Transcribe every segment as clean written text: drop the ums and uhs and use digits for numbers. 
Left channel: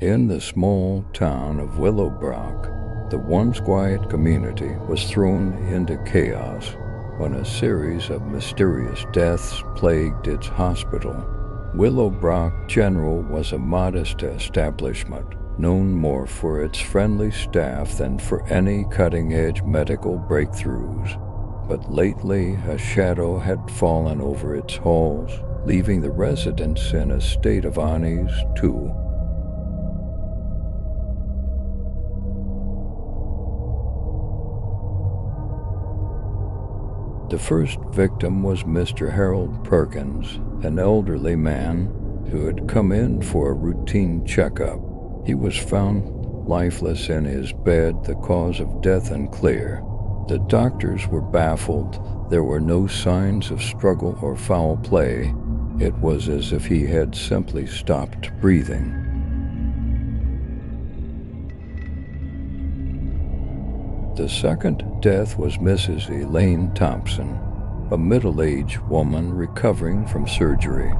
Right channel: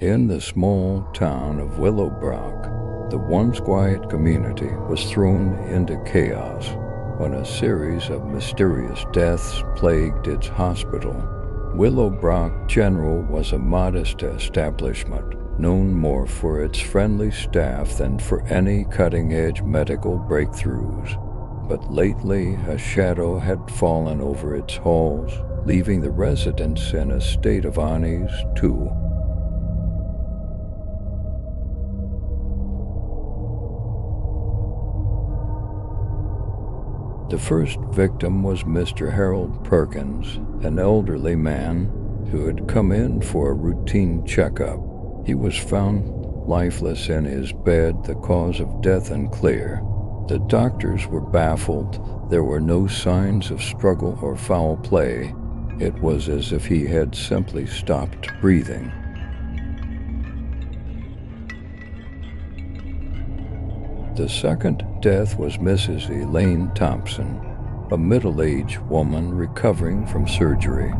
In the small town of Willowbrook, the once quiet community was thrown into chaos when a series of mysterious deaths plagued its hospital. Willowbrook General was a modest establishment, known more for its friendly staff than for any cutting-edge medical breakthroughs. But lately, a shadow had fallen over its halls, leaving the residents in a state of unease, too. The first victim was Mr. Harold Perkins, an elderly man who had come in for a routine checkup. He was found lifeless in his bed, the cause of death unclear. The doctors were baffled. There were no signs of struggle or foul play. It was as if he had simply stopped breathing. The second death was Mrs. Elaine Thompson, a middle-aged woman recovering from surgery.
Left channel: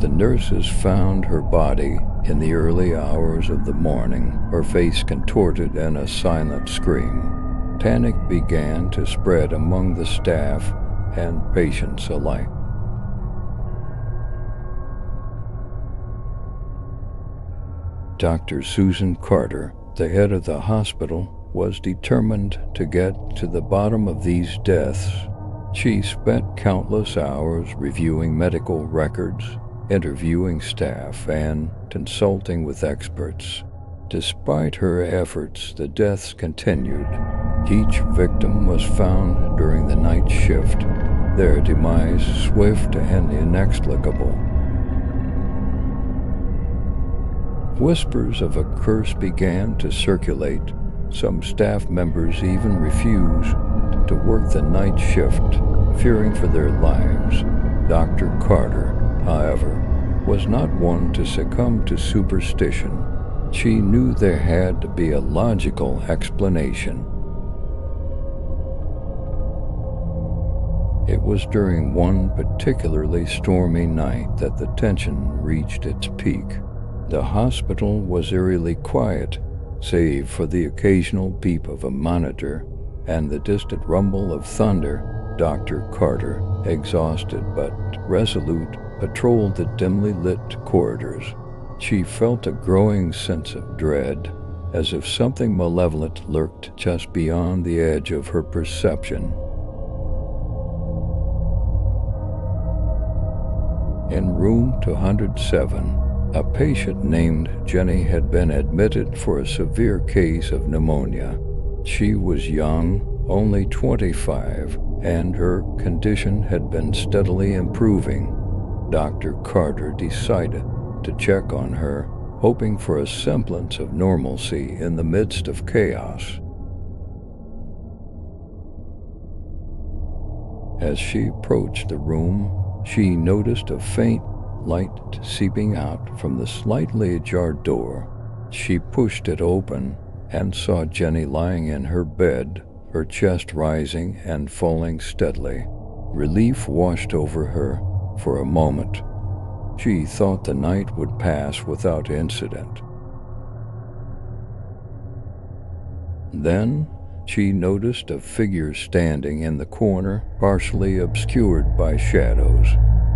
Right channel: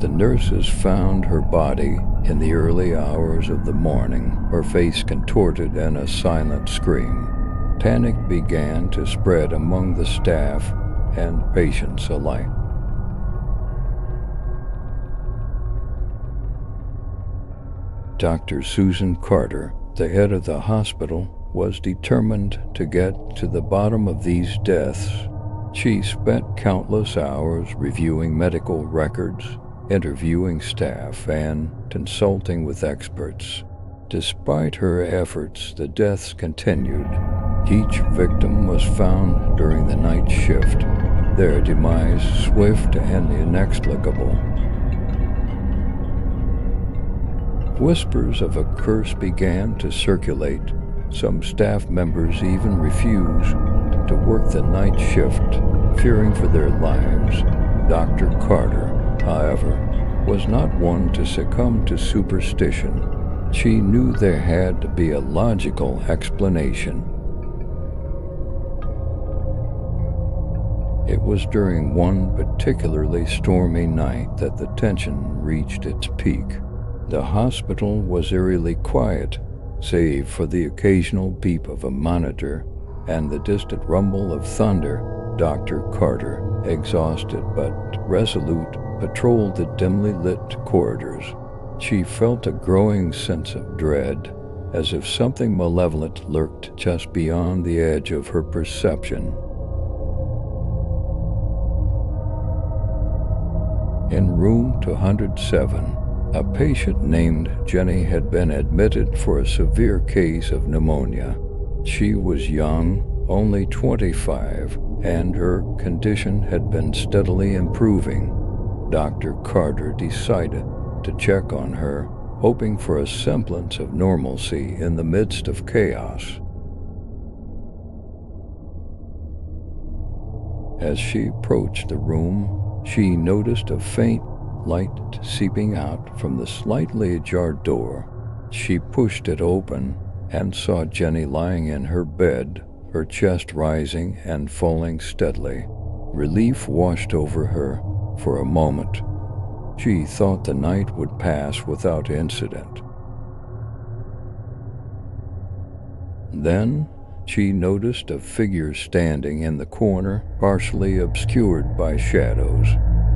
The nurses found her body in the early hours of the morning, her face contorted in a silent scream. Panic began to spread among the staff and patients alike. Dr. Susan Carter, the head of the hospital, was determined to get to the bottom of these deaths. She spent countless hours reviewing medical records, interviewing staff, and consulting with experts. Despite her efforts, the deaths continued. Each victim was found during the night shift, their demise swift and inexplicable. Whispers of a curse began to circulate. Some staff members even refused to work the night shift, fearing for their lives. Dr. Carter, however, was not one to succumb to superstition. She knew there had to be a logical explanation. It was during one particularly stormy night that the tension reached its peak. The hospital was eerily quiet, save for the occasional beep of a monitor and the distant rumble of thunder. Dr. Carter, exhausted but resolute, patrolled the dimly lit corridors. She felt a growing sense of dread, as if something malevolent lurked just beyond the edge of her perception. In room 207, a patient named Jenny had been admitted for a severe case of pneumonia. She was young, only 25, and her condition had been steadily improving. Dr. Carter decided to check on her, hoping for a semblance of normalcy in the midst of chaos. As she approached the room, she noticed a faint light seeping out from the slightly ajar door. She pushed it open and saw Jenny lying in her bed, her chest rising and falling steadily. Relief washed over her for a moment. She thought the night would pass without incident. Then she noticed a figure standing in the corner, partially obscured by shadows.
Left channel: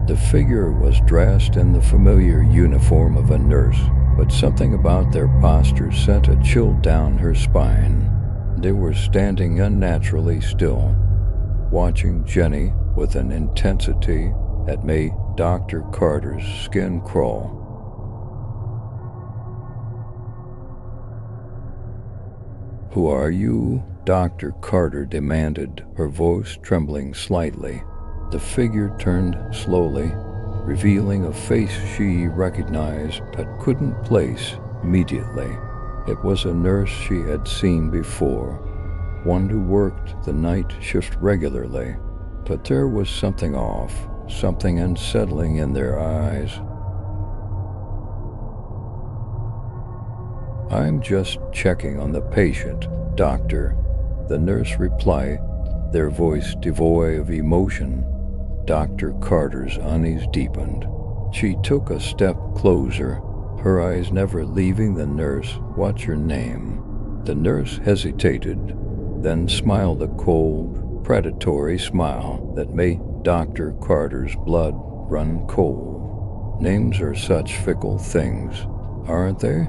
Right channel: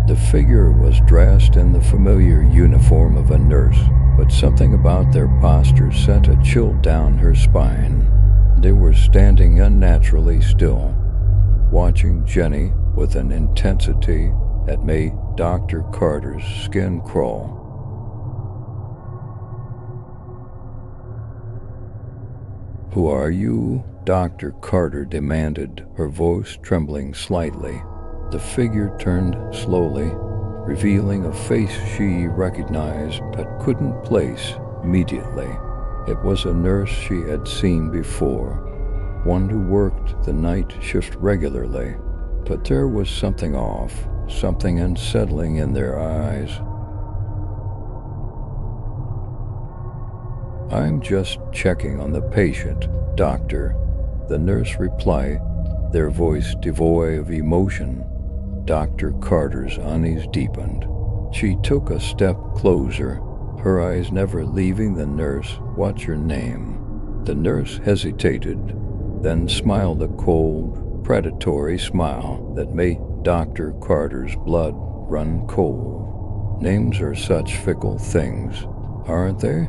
The figure was dressed in the familiar uniform of a nurse, but something about their posture sent a chill down her spine. They were standing unnaturally still, watching Jenny with an intensity that made Dr. Carter's skin crawl. "Who are you?" Dr. Carter demanded, her voice trembling slightly. The figure turned slowly, revealing a face she recognized but couldn't place immediately. It was a nurse she had seen before, one who worked the night shift regularly. But there was something off, something unsettling in their eyes. "I'm just checking on the patient, doctor," the nurse replied, their voice devoid of emotion. Dr. Carter's unease deepened. She took a step closer, her eyes never leaving the nurse. "What's your name?" The nurse hesitated, then smiled a cold, predatory smile that made Dr. Carter's blood run cold. Names are such fickle things, aren't they?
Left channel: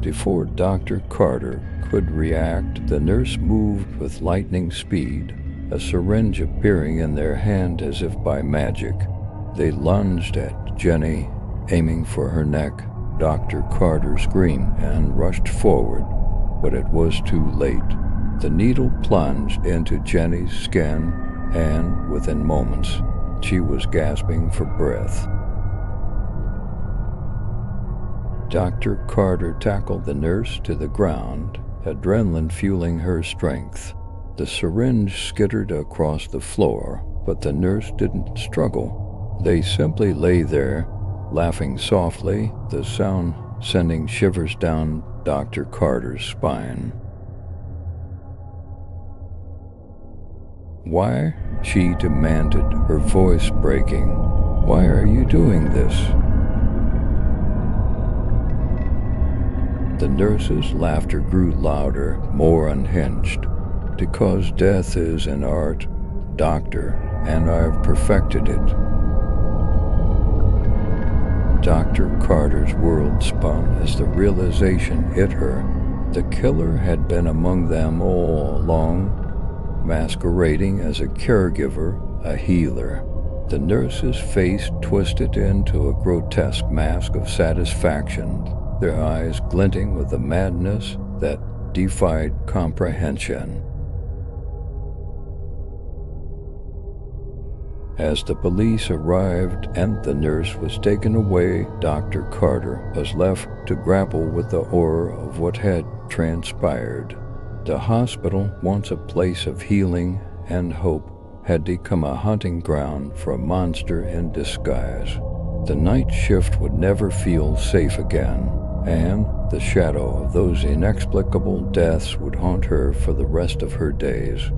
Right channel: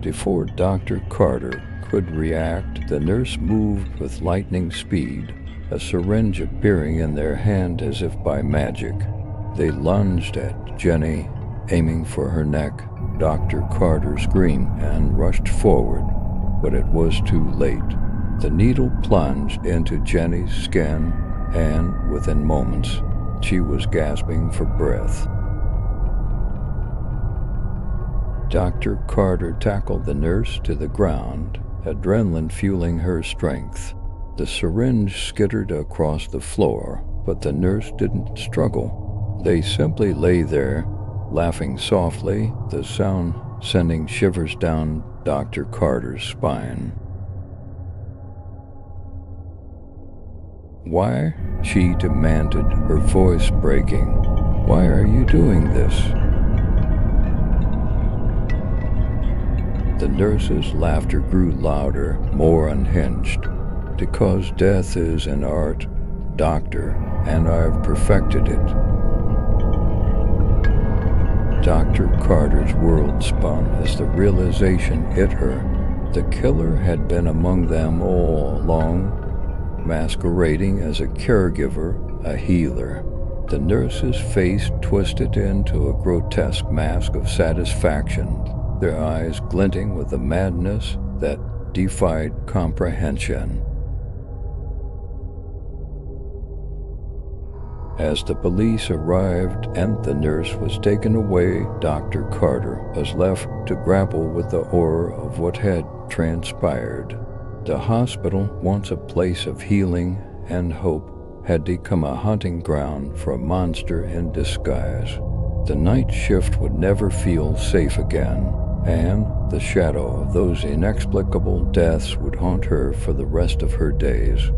Before Dr. Carter could react, the nurse moved with lightning speed, a syringe appearing in their hand as if by magic. They lunged at Jenny, aiming for her neck. Dr. Carter screamed and rushed forward, but it was too late. The needle plunged into Jenny's skin, and within moments, she was gasping for breath. Dr. Carter tackled the nurse to the ground, adrenaline fueling her strength. The syringe skittered across the floor, but the nurse didn't struggle. They simply lay there, laughing softly, the sound sending shivers down Dr. Carter's spine. "Why?" she demanded, her voice breaking. "Why are you doing this?" The nurse's laughter grew louder, more unhinged. "Because death is an art, doctor, and I've perfected it." Dr. Carter's world spun as the realization hit her. The killer had been among them all along, masquerading as a caregiver, a healer. The nurse's face twisted into a grotesque mask of satisfaction, their eyes glinting with a madness that defied comprehension. As the police arrived and the nurse was taken away, Dr. Carter was left to grapple with the horror of what had transpired. The hospital, once a place of healing and hope, had become a hunting ground for a monster in disguise. The night shift would never feel safe again, and the shadow of those inexplicable deaths would haunt her for the rest of her days.